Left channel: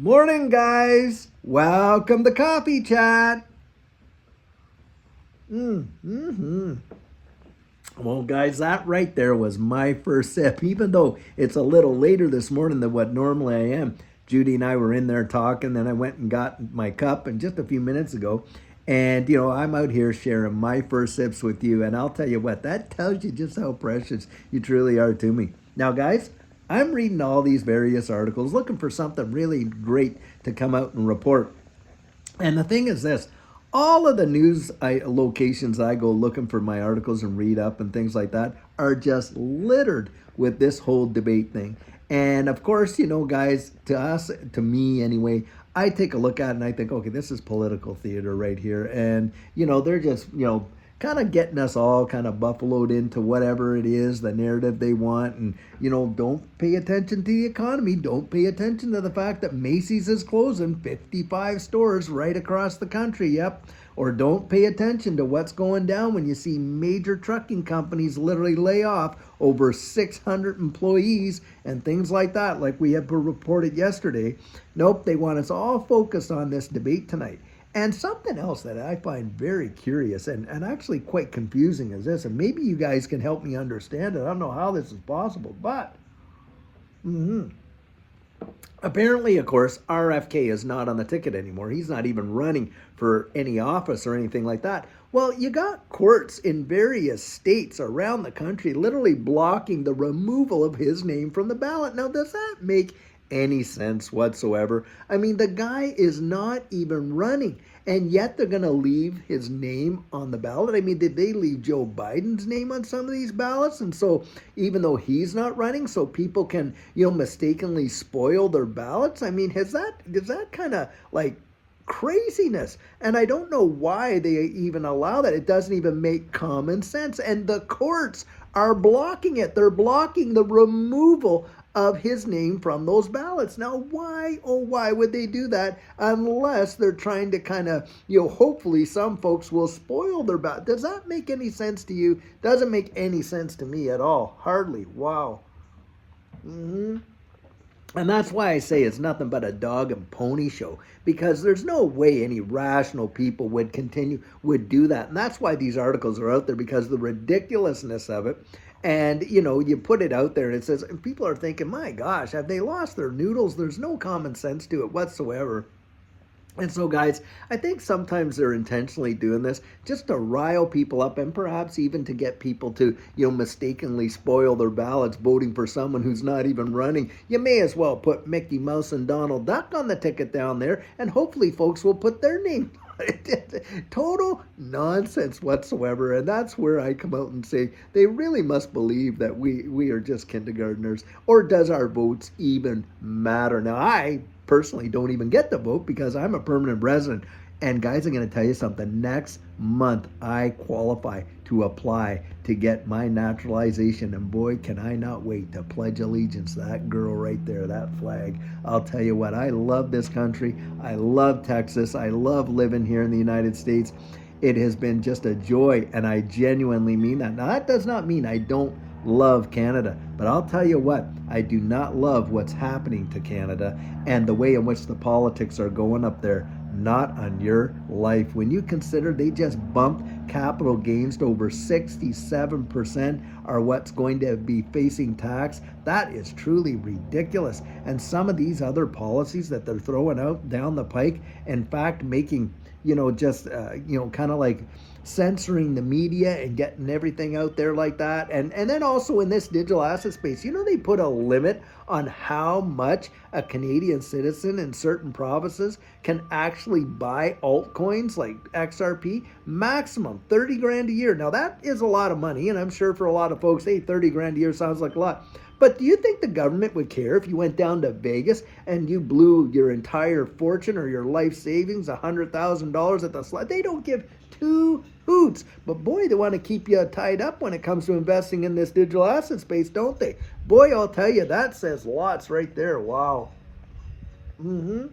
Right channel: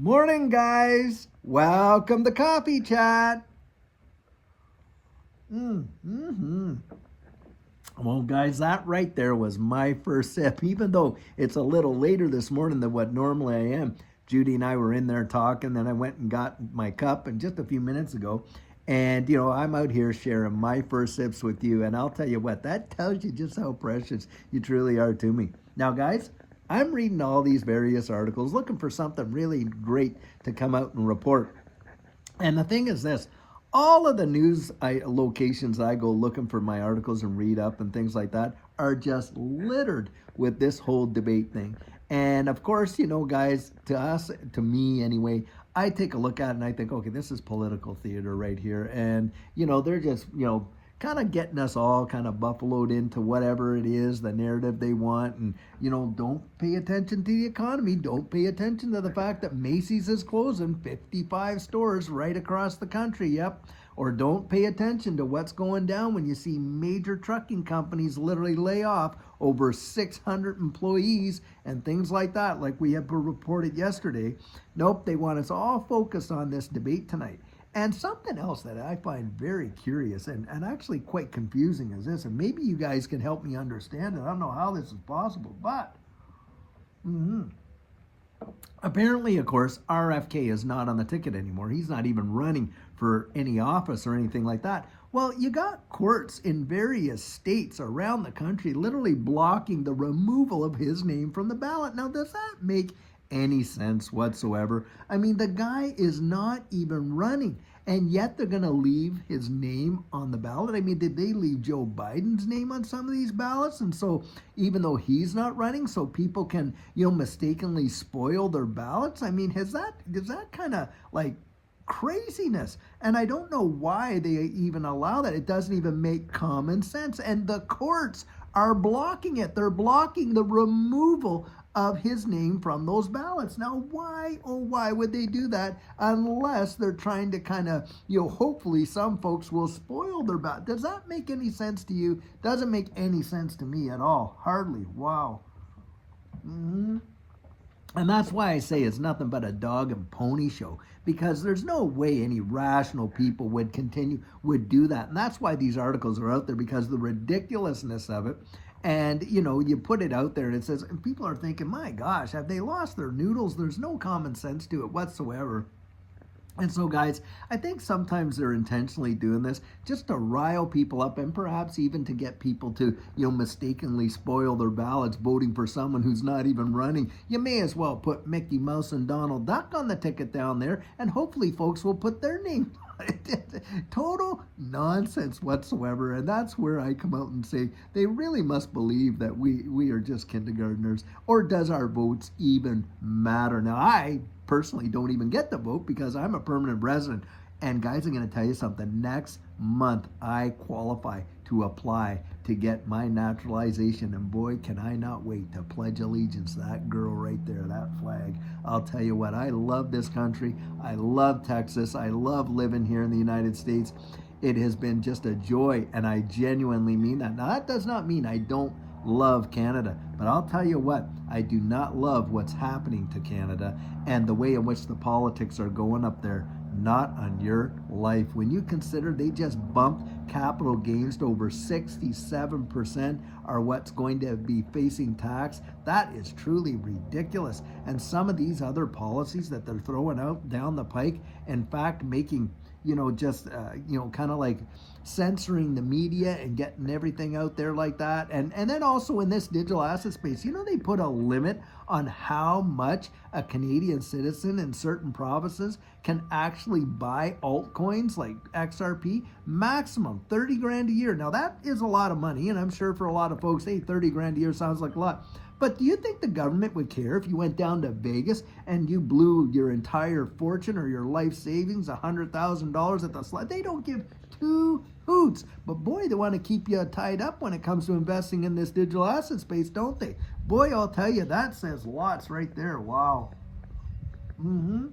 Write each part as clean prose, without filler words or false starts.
Morning, guys. Welcome to Coffee Chat. Mm-hmm. Well, guys, that right there was my first sip. Even though it's a little later this morning than what normally I am, Judy and I were in there talking, and I went and got my cup, and just a few minutes ago. And, I'm out here sharing my first sips with you. And I'll tell you what, that tells you just how precious you truly are to me. Now, guys, I'm reading all these various articles looking for something really great to come out and report. And the thing is this, all of the locations I go looking for my articles and read up and things like that are just littered with this whole debate thing. And of course, guys, to us, to me anyway, I take a look at it and I think, okay, this is political theater right here. And, they're just, kind of getting us all kind of buffaloed into whatever it is, the narrative they want. And, don't pay attention to the economy. Don't pay attention to the fact that Macy's is closing 55 stores right across the country. Yep. Or don't pay attention to what's going down when you see major trucking companies literally lay off over 600 employees and things like that, like we have reported yesterday. Nope, they want us all focused on this debate tonight. And something else that I find very curious and actually quite confusing is this, and maybe you guys can help me understand it. I don't know how this is possible, but apparently, of course, RFK is not on the ticket anymore. He's not even running for any office or anything like that. Well, you got courts in various states around the country literally blocking the removal of his name from the ballot. Now, does that make any sense whatsoever? I mean, the guy is not even running, and yet they're going to leave his name on the ballot. I mean, did they leave Joe Biden's name on some of these ballots? And so even though he's not running, so people can, mistakenly spoil their ballots? I mean, is that kind of like craziness? And I don't know why they even allow that. It doesn't even make common sense. And the courts are blocking it. They're blocking the removal of his name from those ballots. Now, why would they do that unless they're trying to kind of, hopefully some folks will spoil their ballot? Does that make any sense to you? Doesn't make any sense to me at all. Hardly. Wow. And that's why I say it's nothing but a dog and pony show, because there's no way any rational people would do that. And that's why these articles are out there, because the ridiculousness of it. And, you put it out there and it says, and people are thinking, my gosh, have they lost their noodles? There's no common sense to it whatsoever. And so, guys, I think sometimes they're intentionally doing this just to rile people up, and perhaps even to get people to, mistakenly spoil their ballots voting for someone who's not even running. You may as well put Mickey Mouse and Donald Duck on the ticket down there, and hopefully folks will put their name. Total nonsense whatsoever. And that's where I come out and say they really must believe that we are just kindergartners. Or does our votes even matter? Now, I personally don't even get to vote because I'm a permanent resident. And guys, I'm going to tell you something. Next month, I qualify to apply to get my naturalization. And boy, can I not wait to pledge allegiance to that girl right there, that flag. I'll tell you what, I love this country. I love Texas. I love living here in the United States. It has been just a joy, and I genuinely mean that. Now, that does not mean I don't love Canada, but I'll tell you what, I do not love what's happening to Canada and the way in which the politics are going up there. Not on your life. When you consider they just bumped capital gains to over 67% are what's going to be facing tax, that is truly ridiculous. And some of these other policies that they're throwing out down the pike, in fact, making, kind of like censoring the media and getting everything out there like that. And then also in this digital asset space, they put a limit on how much a Canadian citizen in certain provinces can actually buy altcoins like XRP, maximum 30 grand a year. Now that is a lot of money, and I'm sure for a lot of folks, hey, 30 grand a year sounds like a lot. But do you think the government would care if you went down to Vegas and you blew your entire fortune or your life savings, $100,000 at the slot? They don't give two hoots. But boy, they want to keep you tied up when it comes to investing in this digital asset space, don't they? Boy, I'll tell you, that says lots right there. Wow. When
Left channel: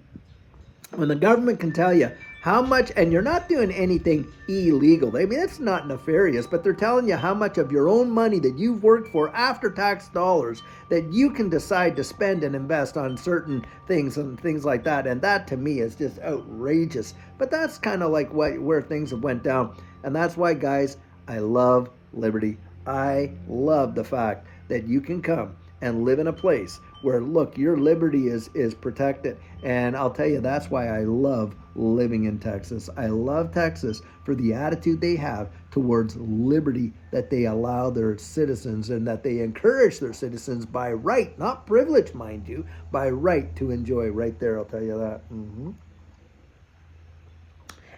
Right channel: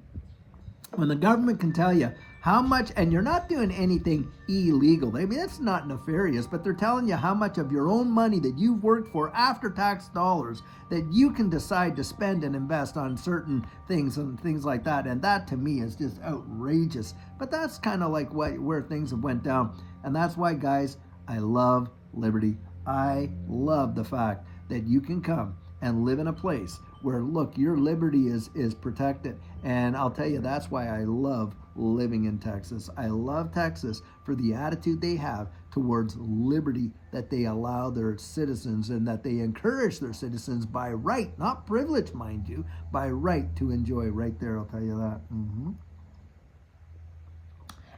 the government can tell you how much, and you're not doing anything illegal. I mean, it's not nefarious, but they're telling you how much of your own money that you've worked for after tax dollars that you can decide to spend and invest on certain things and things like that. And that to me is just outrageous. But that's kind of like where things have went down. And that's why, guys, I love liberty. I love the fact that you can come and live in a place where, look, your liberty is protected. And I'll tell you, that's why I love living in Texas. I love Texas for the attitude they have towards liberty that they allow their citizens and that they encourage their citizens by right, not privilege, mind you, by right to enjoy right there. I'll tell you that.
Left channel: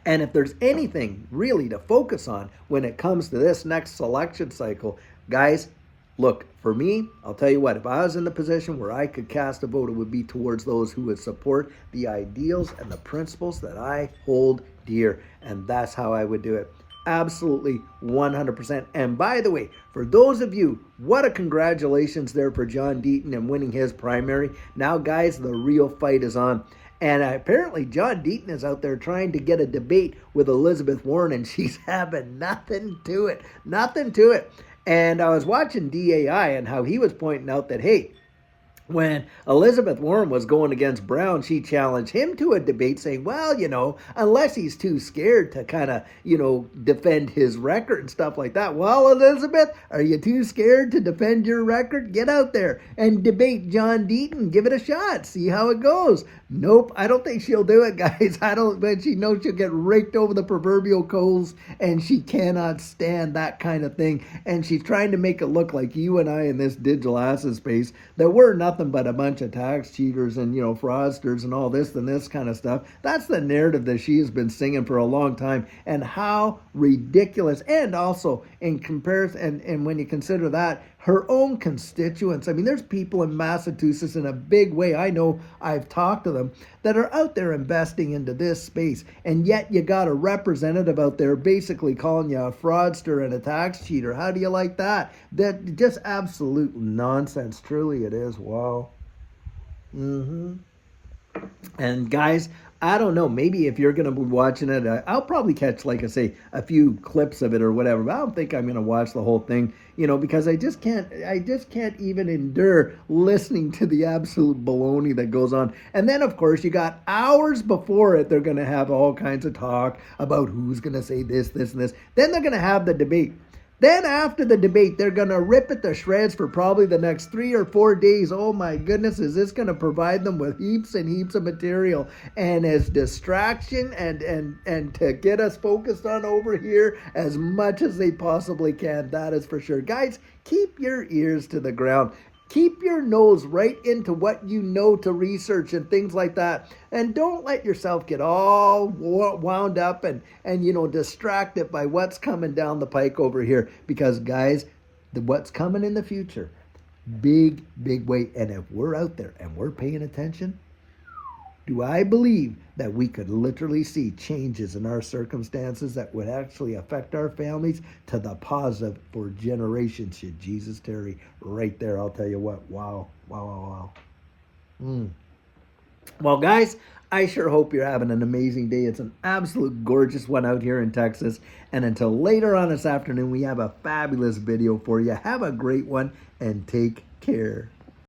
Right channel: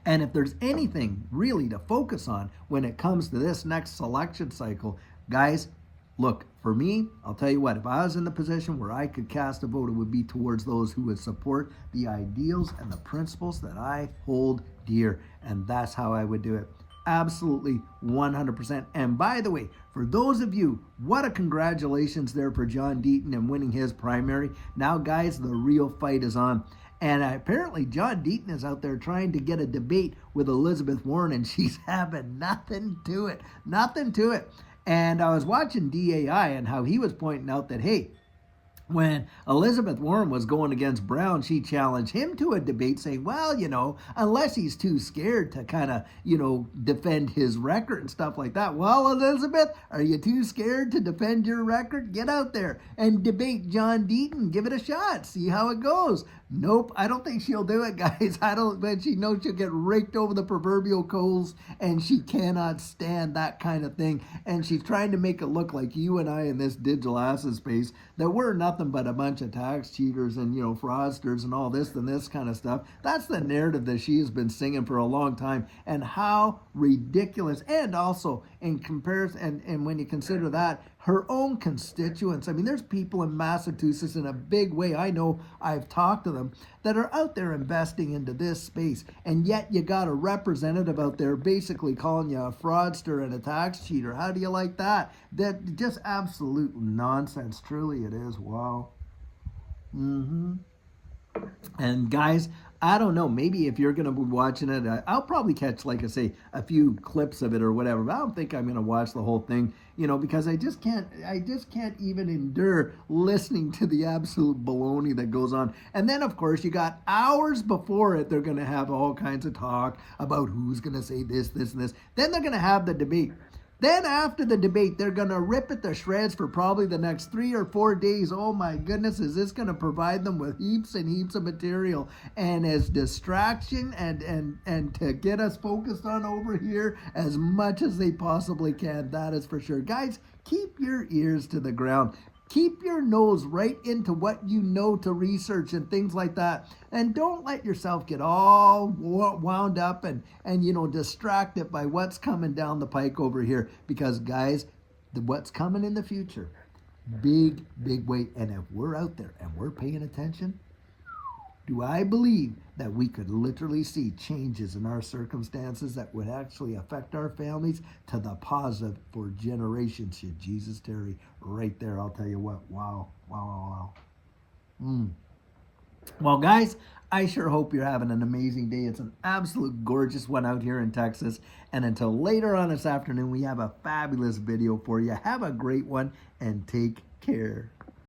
And if there's anything really to focus on when it comes to this next election cycle, guys, look, for me, I'll tell you what, if I was in the position where I could cast a vote, it would be towards those who would support the ideals and the principles that I hold dear. And that's how I would do it. Absolutely 100%. And by the way, for those of you, what a congratulations there for John Deaton and winning his primary. Now, guys, the real fight is on. And apparently John Deaton is out there trying to get a debate with Elizabeth Warren, and she's having nothing to it. Nothing to it. And I was watching DAI and how he was pointing out that, hey, when Elizabeth Warren was going against Brown, she challenged him to a debate saying, well, you know, unless he's too scared to kind of, you know, defend his record and stuff like that. Well, Elizabeth, are you too scared to defend your record? Get out there and debate John Deaton. Give it a shot. See how it goes. Nope, I don't think she'll do it, guys. But she knows she'll get raked over the proverbial coals, and she cannot stand that kind of thing. And she's trying to make it look like you and I in this digital asset space, that we're nothing but a bunch of tax cheaters and, you know, fraudsters and all this and this kind of stuff. That's the narrative that she has been singing for a long time. And how ridiculous. And also in comparison, and when you consider that, her own constituents. I mean, there's people in Massachusetts in a big way, I know, I've talked to them, that are out there investing into this space. And yet you got a representative out there basically calling you a fraudster and a tax cheater. How do you like that? That just absolute nonsense. Truly it is. Wow. And guys, I don't know, maybe if you're going to be watching it, I'll probably catch, like I say, a few clips of it or whatever, but I don't think I'm going to watch the whole thing, you know, because I just can't even endure listening to the absolute baloney that goes on. And then, of course, you got hours before it, they're going to have all kinds of talk about who's going to say this, this, and this. Then they're going to have the debate. Then after the debate, they're going to rip it to shreds for probably the next 3 or 4 days. Oh my goodness, is this going to provide them with heaps and heaps of material and as distraction and to get us focused on over here as much as they possibly can. That is for sure. Guys, keep your ears to the ground. Keep your nose right into what you know to research and things like that. And don't let yourself get all wound up and you know, distracted by what's coming down the pike over here. Because, guys, what's coming in the future, big way. And if we're out there and we're paying attention, do I believe that we could literally see changes in our circumstances that would actually affect our families to the positive for generations should Jesus tarry. Right there, I'll tell you what. Wow. Well, guys, I sure hope you're having an amazing day. It's an absolute gorgeous one out here in Texas. And until later on this afternoon, we have a fabulous video for you. Have a great one and take care.